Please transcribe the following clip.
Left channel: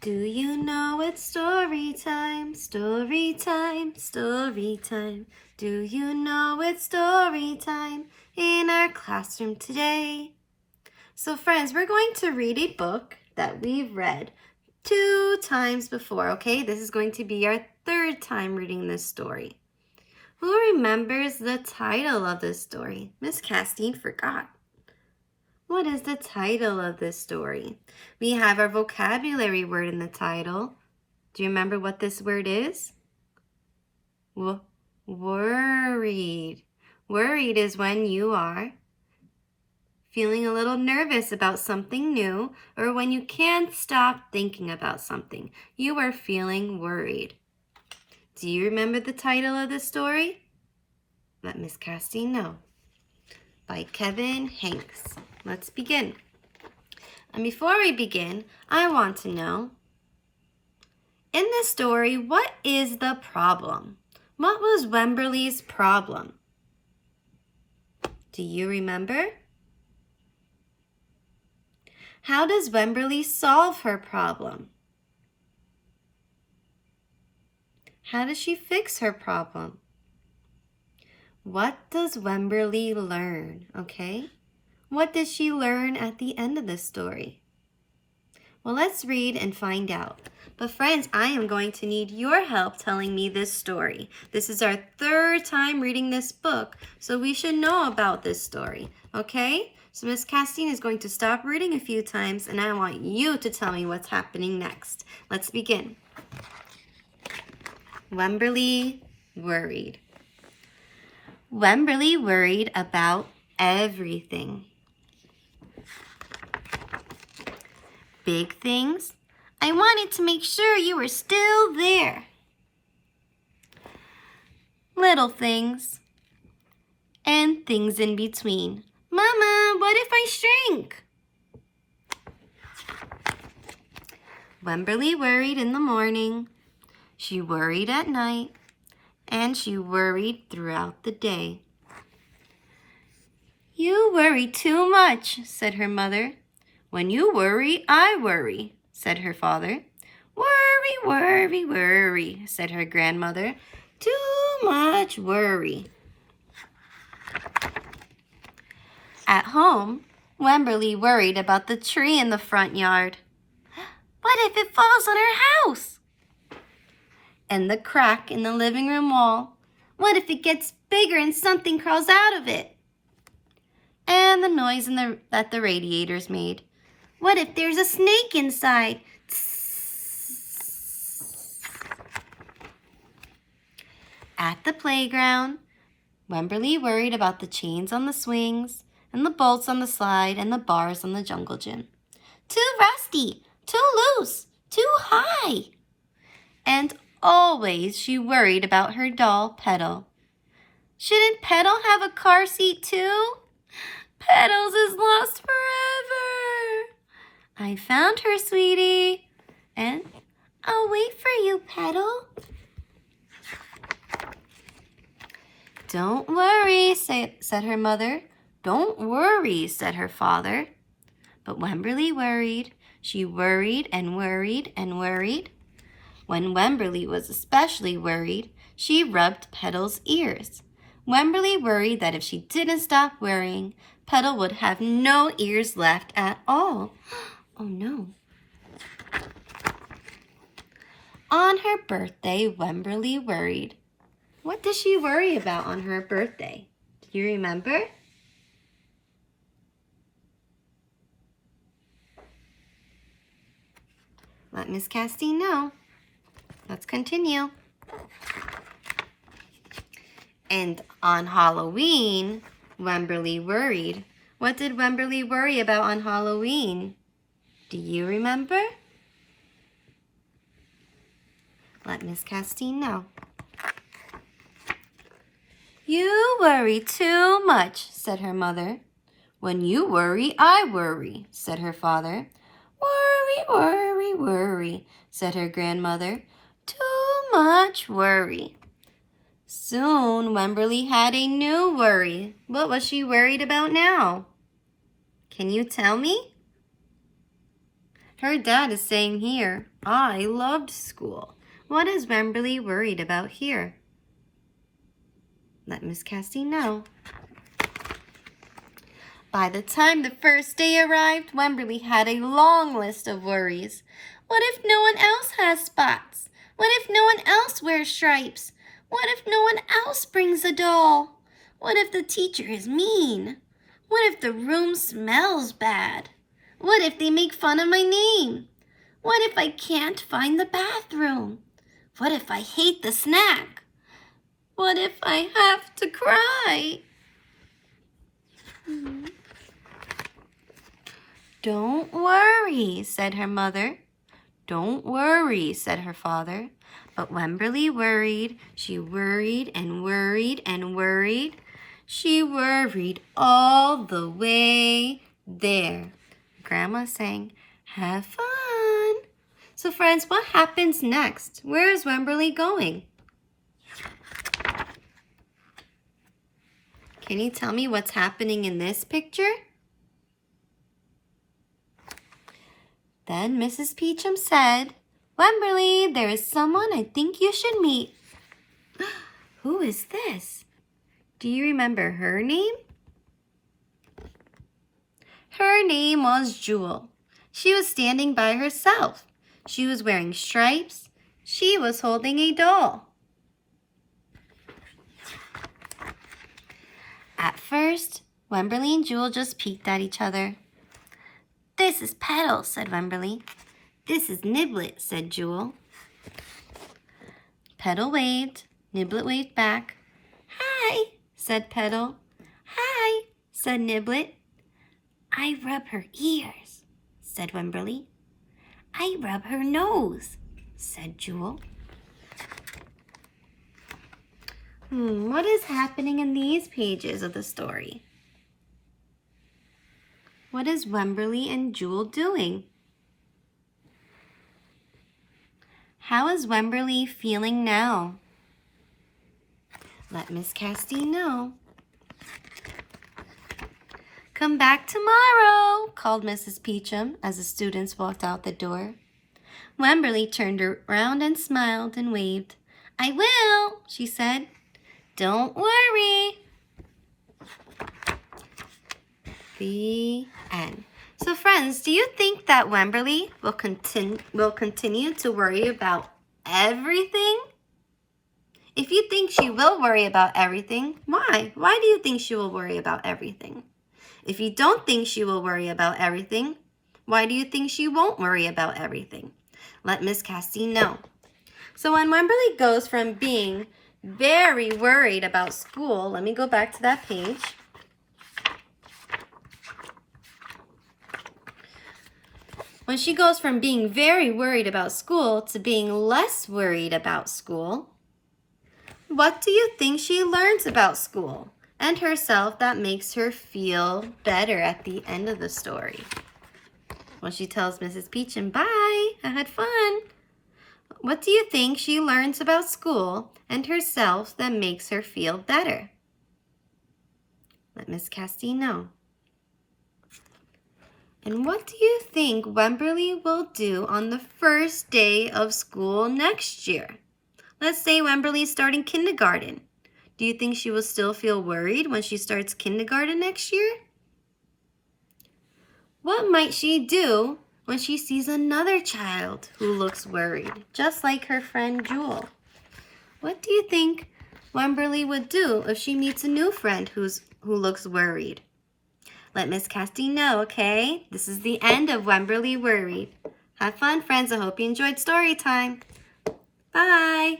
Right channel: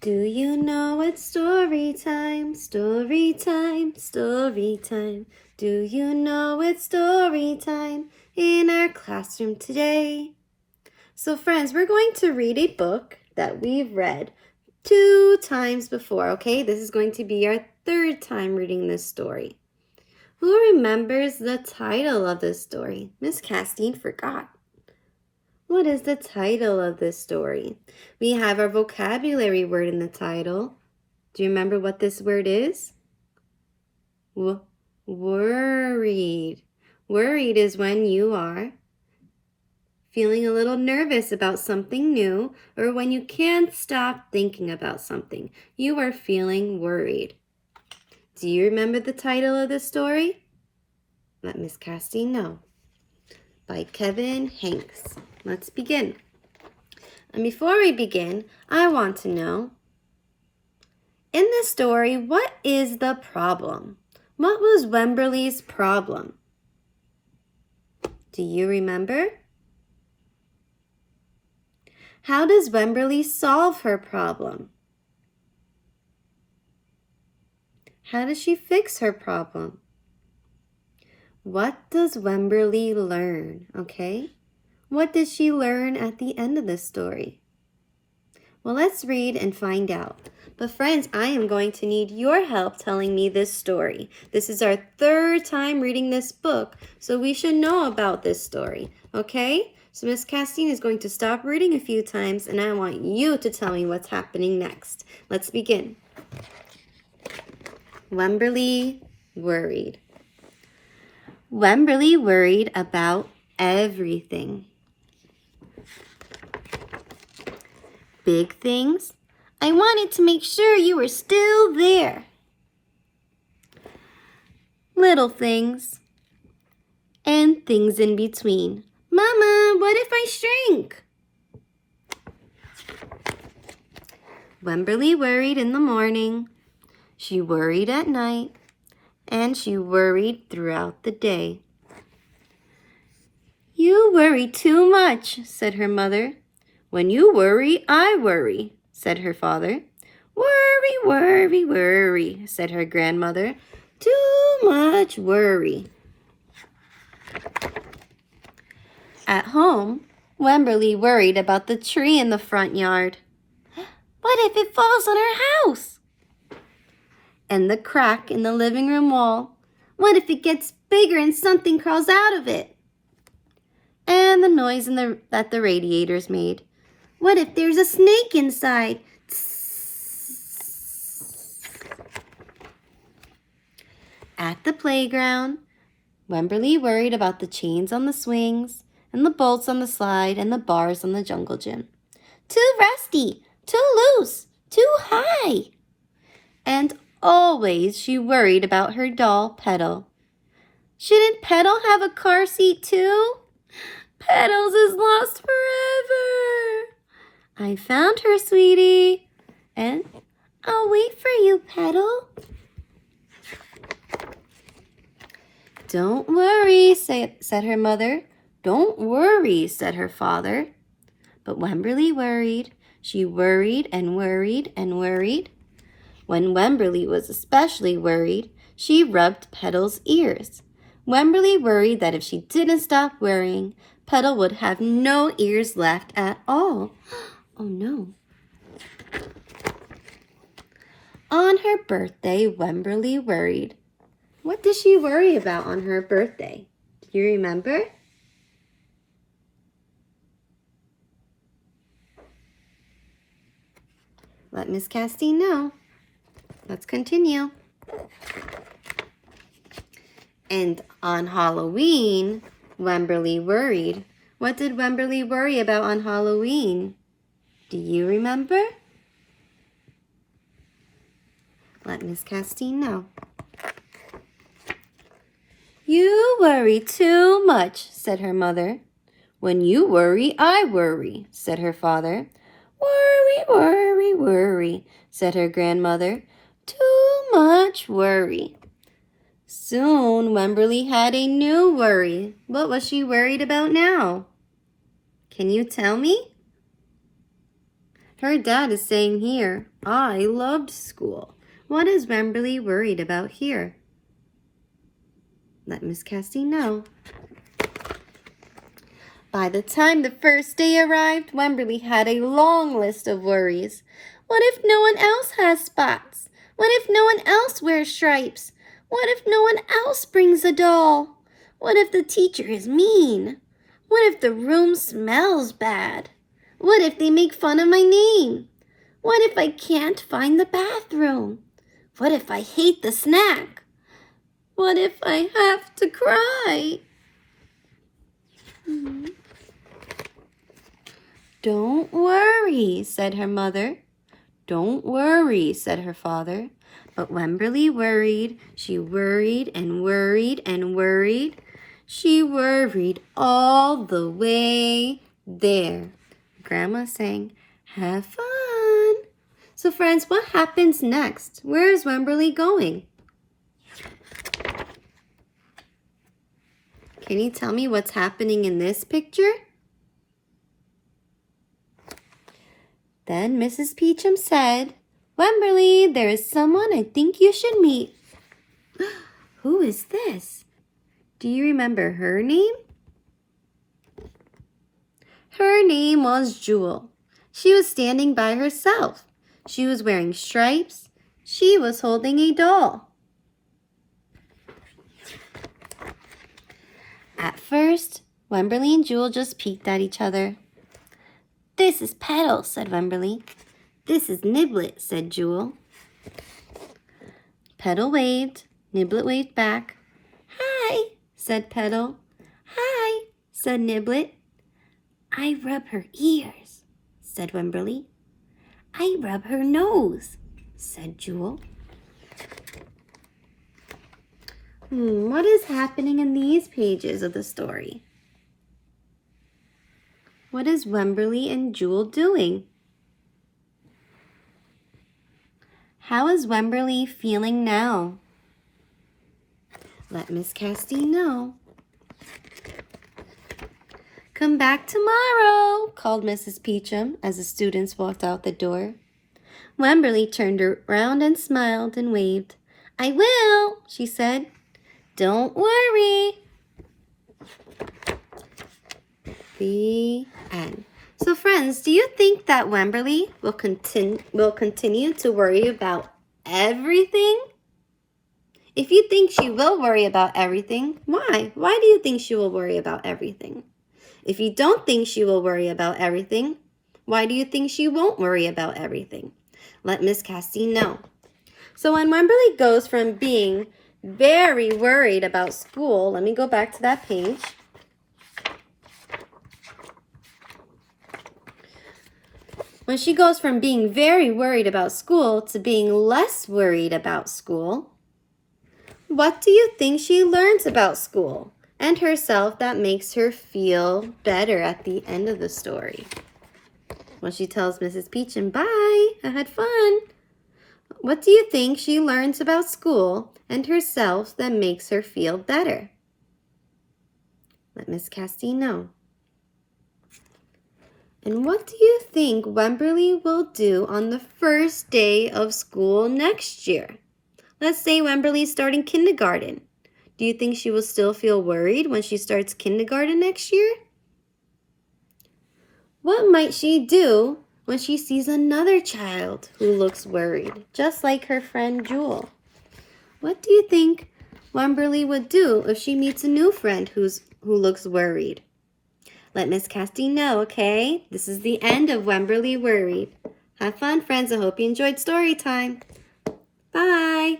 Do you know it's story time, story time, story time? Do you know it's story time in our classroom today? So friends, we're going to read a book that we've read 2 times before, okay? This is going to be our 3rd time reading this story. Who remembers the title of this story? Miss Castine forgot. What is the title of this story? We have our vocabulary word in the title. Do you remember what this word is? Worried. Worried is when you are feeling a little nervous about something new, or when you can't stop thinking about something. You are feeling worried. Do you remember the title of this story? Let Miss Castine know. By Kevin Hanks. Let's begin. And before we begin, I want to know, in this story, what is the problem? What was Wemberly's problem? Do you remember? How does Wemberly solve her problem? How does she fix her problem? What does Wemberly learn, okay? What did she learn at the end of this story? Well, let's read and find out. But friends, I am going to need your help telling me this story. This is our 3rd time reading this book, so we should know about this story, okay? So Miss Castine is going to stop reading a few times, and I want you to tell me what's happening next. Let's begin. Wemberly worried. Wemberly worried about everything. Big things. I wanted to make sure you were still there. Little things. And things in between. Mama, what if I shrink? Wemberly worried in the morning. She worried at night. And she worried throughout the day. You worry too much, said her mother. When you worry, I worry, said her father. Worry, worry, worry, said her grandmother. Too much worry. At home, Wemberly worried about the tree in the front yard. What if it falls on her house? And the crack in the living room wall. What if it gets bigger and something crawls out of it? And the noise that the radiators made. What if there's a snake inside? At the playground, Wemberly worried about the chains on the swings, and the bolts on the slide, and the bars on the jungle gym. Too rusty, too loose, too high. And always she worried about her doll, Petal. Shouldn't Petal have a car seat too? Petals is lost forever. I found her, sweetie, and I'll wait for you, Petal. Don't worry, said her mother. Don't worry, said her father. But Wemberly worried. She worried and worried and worried. When Wemberly was especially worried, she rubbed Petal's ears. Wemberly worried that if she didn't stop worrying, Petal would have no ears left at all. Oh no. On her birthday, Wemberly worried. What did she worry about on her birthday? Do you remember? Let Miss Castine know. Let's continue. And on Halloween, Wemberly worried. What did Wemberly worry about on Halloween? Do you remember? Let Miss Castine know. You worry too much, said her mother. When you worry, I worry, said her father. Worry, worry, worry, said her grandmother. Too much worry. Soon, Wemberly had a new worry. What was she worried about now? Can you tell me? Her dad is saying here, I loved school. What is Wemberly worried about here? Let Miss Cassie know. By the time the first day arrived, Wemberly had a long list of worries. What if no one else has spots? What if no one else wears stripes? What if no one else brings a doll? What if the teacher is mean? What if the room smells bad? What if they make fun of my name? What if I can't find the bathroom? What if I hate the snack? What if I have to cry? Don't worry, said her mother. Don't worry, said her father. But Wemberly worried. She worried and worried and worried. She worried all the way there. Grandma sang, have fun. So friends, what happens next? Where is Wemberly going? Can you tell me what's happening in this picture? Then Mrs. Peachum said, Wemberly, there is someone I think you should meet. Who is this? Do you remember her name? Her name was Jewel. She was standing by herself. She was wearing stripes. She was holding a doll. At first, Wemberly and Jewel just peeked at each other. This is Petal, said Wemberly. This is Niblet, said Jewel. Petal waved. Niblet waved back. Hi, said Petal. Hi, said Niblet. I rub her ears, said Wemberly. I rub her nose, said Jewel. What is happening in these pages of the story? What is Wemberly and Jewel doing? How is Wemberly feeling now? Let Miss Cassie know. Come back tomorrow, called Mrs. Peachum as the students walked out the door. Wemberly turned around and smiled and waved. I will, she said. Don't worry. The end. So friends, do you think that Wemberly will continue to worry about everything? If you think she will worry about everything, why? Why do you think she will worry about everything? If you don't think she will worry about everything, why do you think she won't worry about everything? Let Miss Cassie know. So when Wemberly goes from being very worried about school, let me go back to that page. When she goes from being very worried about school to being less worried about school, what do you think she learns about school and herself that makes her feel better at the end of the story? When she tells Mrs. Peachum, bye, I had fun. What do you think she learns about school and herself that makes her feel better? Let Miss Cassie know. And what do you think Wemberly will do on the first day of school next year? Let's say Wemberly's starting kindergarten. Do you think she will still feel worried when she starts kindergarten next year? What might she do when she sees another child who looks worried, just like her friend Jewel? What do you think Wemberly would do if she meets a new friend who looks worried? Let Miss Cassie know, okay? This is the end of Wemberly Worried. Have fun, friends. I hope you enjoyed story time. Bye.